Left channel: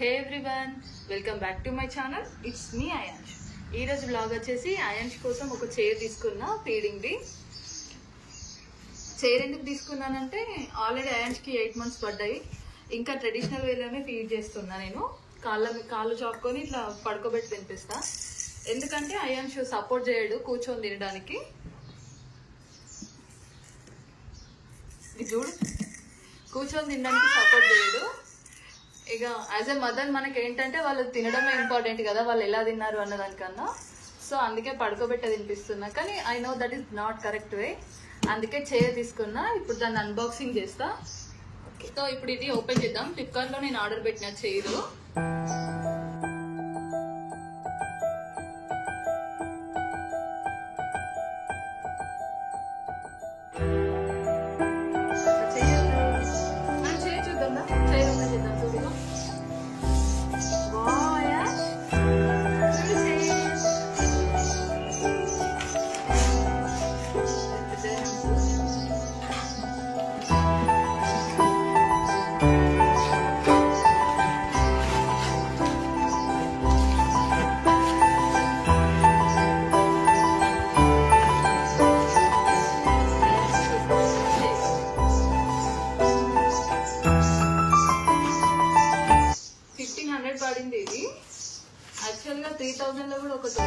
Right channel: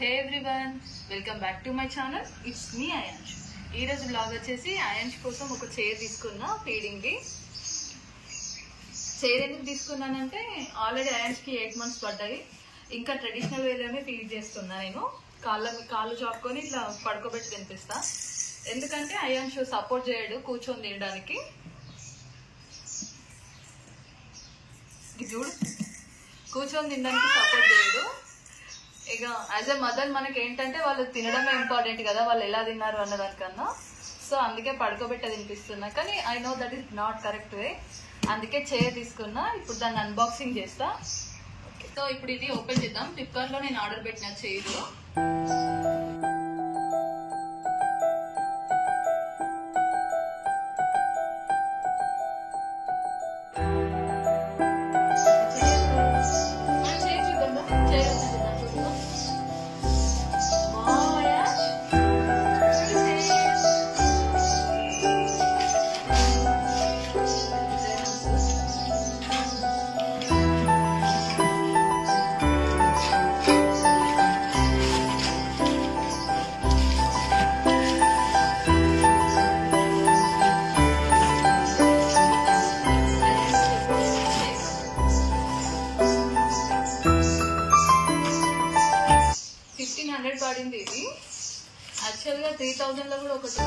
Hey everyone, welcome back to my channel. It's me Ayansh. ఈ రోజు blog వచ్చేసి అయాన్ష్ కోసం ఒక చైర్ తీసుకున్నా ఫీడింగ్ ది. చైర్ ఎందుకు తీసుకున్నానంటే ఆల్రెడీ అయాన్ష్ కి 8 months పడ్డాయి. ఇంకా ట్రెడిషనల్ వేలోనే ఫీడ్ చేస్తున్నా నేను. కాళ్ళు చాపుకొని ఇట్లా పడుకోబెట్టి తినిపిస్తా. ఎందుకంటే అయాన్ష్ సపోర్ట్ చేయడు కూర్చొని తినడానికి. చూడు కూర్చొని తినడానికి సపోర్ట్ చేయడు. ఇక యాజ్ ఎ మదర్ మనకి ఏంటంటే వాళ్ళు తినడమే ఇంపార్టెంట్ కదా, వాళ్ళు ఎలా తిన్నారు అన్నదానికన్నా. సో అందుకే పడుకోబెట్ట తినిపిస్తున్నా. కానీ I know that is not correct way. అందుకే చైర్ తీసుకున్నా. ఇప్పుడు దాన్ని అన్బాక్సింగ్ చేస్తా. ఓకే, సో ఇప్పుడు ఇది ఓపెన్ చేద్దాం. ఫ్లిప్కార్ట్ లో నేను ఆర్డర్ పెట్టిన చైర్. పడింది ఇది. యాక్చువల్ గా 3000 లో కూడా ఒకటి.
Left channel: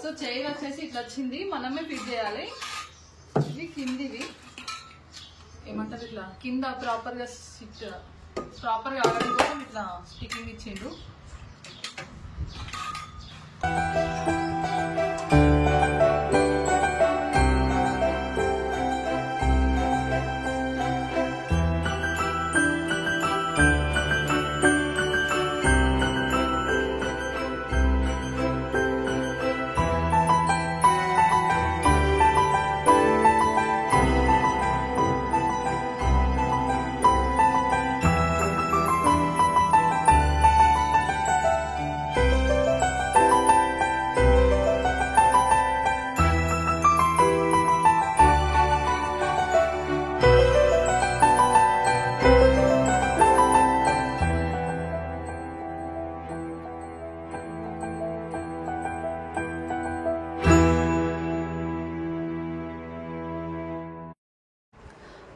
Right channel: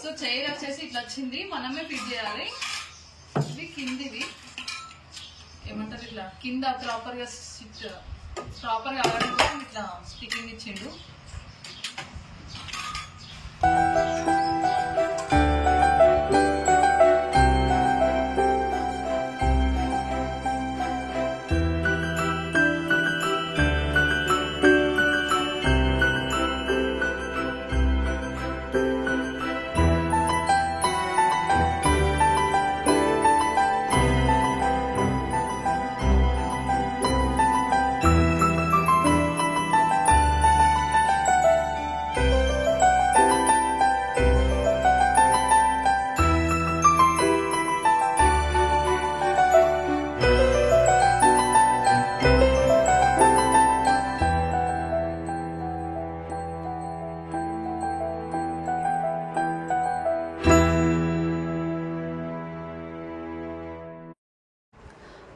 సో చైర్ వచ్చేసి ఇట్లా వచ్చింది, మనమే ఫిట్ చేయాలి. ఇది కిందివి ఏమంటారు, ఇట్లా కింద ప్రాపర్ గా ఆడడం కోసం ఇట్లా స్టికింగ్ ఇచ్చిండు.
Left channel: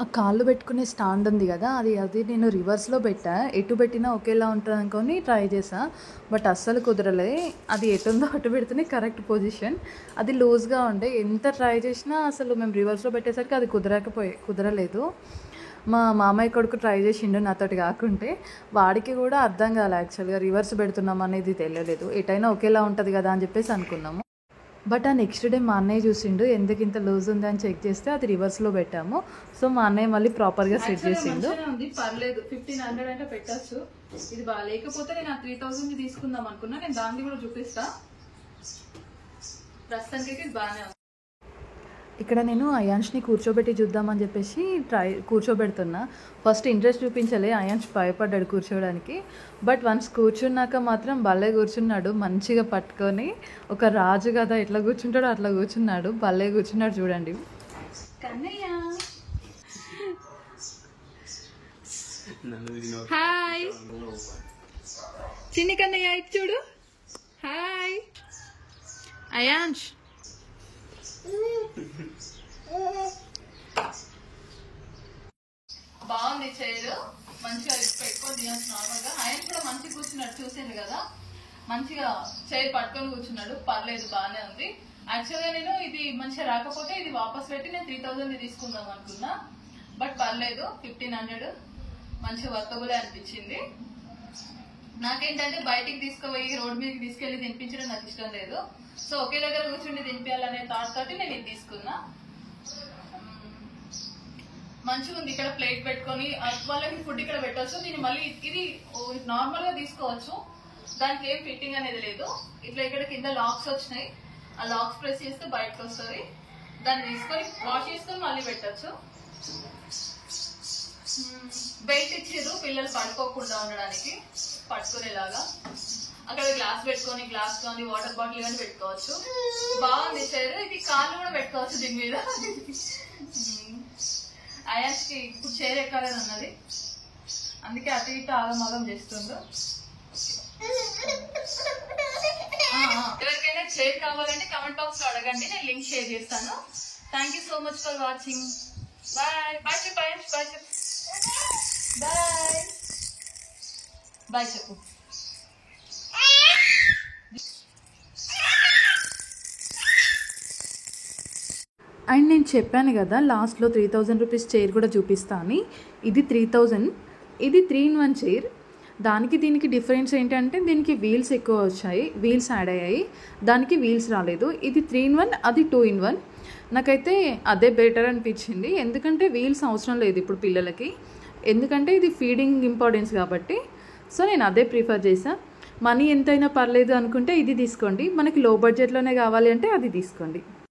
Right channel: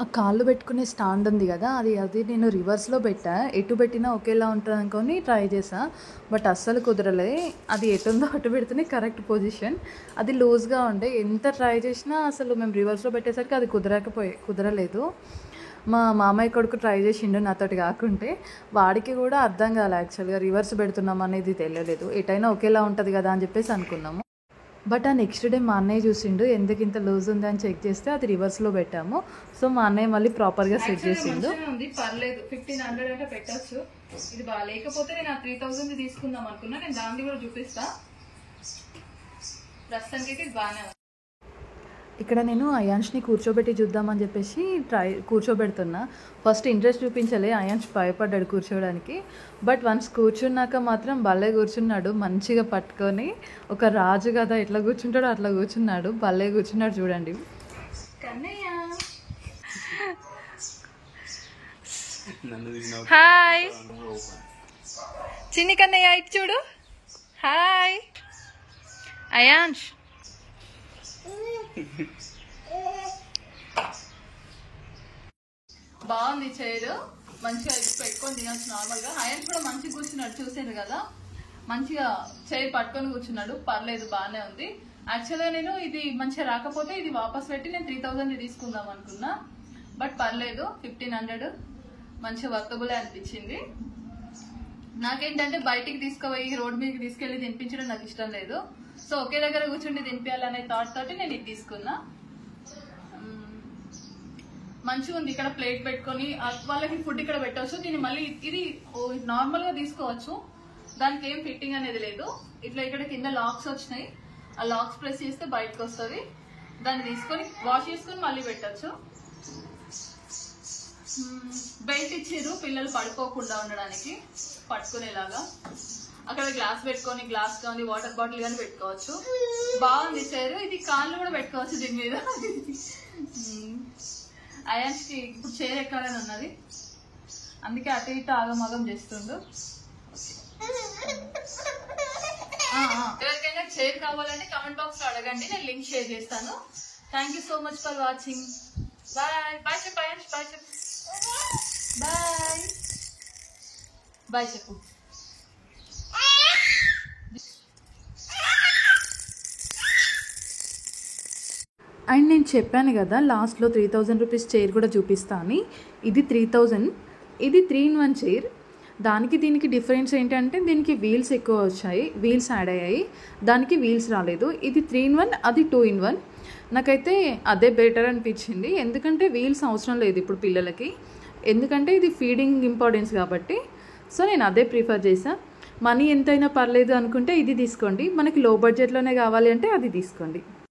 ఆ కాళ్ళు పెట్టుకునే స్టాండ్ ఉంది కదా, అది నేను రివర్స్లో పెట్టా. ఎటు పెట్టినా ఒకేలా ఉంటుంది అనుకొని ట్రై చేసా, బట్ అస్సలు కుదరలే. అది ఎటుందో అటు పెడితేనే కరెక్ట్ పొజిషన్. అది లూజ్గా ఉండే. ఎంత ట్రై చేసినా అసలు మేము రివర్స్లో పెట్టేసరికి అది కుదరలేదు. మా మామయ్య కొడుకు ట్రై చేసిండు నాతోటి కాకుంటే. వాడికి కూడా అర్థం కాలే యాక్చువల్గా రివర్స్ పెడుతున్నాం అనేది తెలియలేదు. ఎటైనా ఒకేలా ఉంటుంది కదా అని చెప్పేసి అనుకున్నాము. బట్ ఆ నెక్స్ట్ డే మా అన్నయ్య చూసిండు, ఎందుకు ఇంత లూజ్ ఉంది అని చెక్ చేస్తే అది రివర్స్లో పెట్టాము. సో మా అన్నయ్య మళ్ళీ ప్రాపర్గా సెట్ చేసిండు. పర్లేదు, 1500 అంటే పెట్టచ్చు. ఇది బాగా లేకపోతే నేను ఆ 3000 తీసుకుందాం అనుకున్నా. నేను దాన్ని కూడా చూపిస్తా. ప్రస్తుతానికి ఇది బాగానే ఉంది. ఇక్కడ నేను అయాన్ష్ని కూర్చోబెట్టి చూద్దామని చెప్పేసి కూర్చోబెడుతున్నా. ఫస్ట్ ఇంట్రెస్ట్ చూపించలే, అయాన్ష్ భయపడ్డాడు కూర్చోడానికి. బట్ వన్స్ కూర్చున్నాక మాత్రం భలే కూర్చున్నాడు, మంచిగా పట్టుకొని. ఒక రాజు కదా ఎట్లా కూర్చుంటాడో అట్లా కూర్చున్నాడు. భలే కూర్చున్నాడు చూడండి. కన్నయ్య హాయ్, చిన్ని కన్నయ్య ఇటు చూడు. హాయ్ అయాన్ష్. బాగుంది చైర్, మంచిగా పెట్టుకొని తినచ్చు నార్మల్ గా. ఆయన కూడా మంచిగా కూర్చున్నాడు, చూసింది కదా, మంచిగా చైర్ పట్టుకొని కూర్చున్నాడు. పర్లేదు, బాగానే ఉంది. యాక్చువల్గా నేను ఇది మంచిగా రాకపోతే ఇది వాపస్ పెట్టి నేను 3000 తీసుకుందాం అనుకున్నా. బట్ పర్లేదు, 1500 మంచిగా వర్తబులే అనిపించింది. నాకేంటంటే బయటికి తీసుకుపోయి రోడ్ మీదకి తీసుకెళ్లి తినిపించడం నాకు ఇష్టం లేదు. సో ఒకే దగ్గర కూర్చుండి తినిపించాలనే థాట్ తోటి నేను ఇది తీసుకున్నా. మంచిగా ఉంది. ఇక్కడ ప్లేట్ పెట్టుకొని వాళ్ళకి ఫుడ్ ఇక్కడ పెట్టవచ్చు. దీన్ని మళ్ళీ ఇది నార్మల్ గా తీసుకోవచ్చు, దానికి ఏం ఫిట్టింగ్ అనేది లేదు. ఇట్లా ఇక్కడ కింద లాక్స్ వచ్చినాయి, ఆ లాక్స్ ప్రెస్ చేస్తే బయటకు వస్తుంది. దాన్ని తీసుకొని వాష్ చేసుకొని మళ్ళీ పెట్టచ్చు. బెల్ట్ ఇచ్చారు పిల్లలు పడుకోకుండా ఉండడానికి పట్టుకునేలాగా. అక్కడ గ్లాస్ పెట్టుకొని గ్లాస్ కానీ వాటర్ బాటిల్ కానీ పెట్టుకోవచ్చు. బాగుంది చైర్. ఇది కాళ్ళు కూడా పెట్టుకోవచ్చు దీని మీద. అయాన్స్కి ఇప్పుడు చైర్ ఎక్కాలని ఉన్నది, అందుకే అటు ఇటు ఆగమగం చేస్తుండ్రు. ఎవరికైనా చైర్ కావాలంటే కమెంట్ బాక్స్ లో అడగండి, నేను లింక్ షేర్ చేస్తాను. Thank you so much for watching. Bye bye చెప్పు అయాన్స్, బాయ్ చెప్పు, బాయ్ బాయ్ చెప్పు. అండ్ నేను చెప్పాను కదా లాస్ట్లో 3000 రూపీస్ చైర్ కూడా చూపిస్తా అని. ఇది 3000, ఇది 3-in-1 చైర్. దానికి దీనికి డిఫరెన్స్ ఏంటంటే దీనికి వీల్స్ ఎక్కువ వచ్చాయి, వీల్స్ యాడ్ అయ్యాయి, దానికి వీల్స్ రాలేదు. ఇది 3-in-1, అది 2-in-1. నాకైతే అదే బెటర్ అనిపించింది, ఎందుకంటే వీల్స్ అవసరం లేదు ఇప్పుడు పిల్లలకి, ఎందుకంటే ఇది ఫీడింగ్ ఇంపార్టెన్స్ కాబట్టి. సో నేను అదే ప్రిఫర్ చేశాను. మనీ ఎంతైనా పర్లేదు అనుకుంటే ఇది తీసుకోండి, మనకి లో బడ్జెట్లోనే కావాలి అంటే అది తీసుకోండి.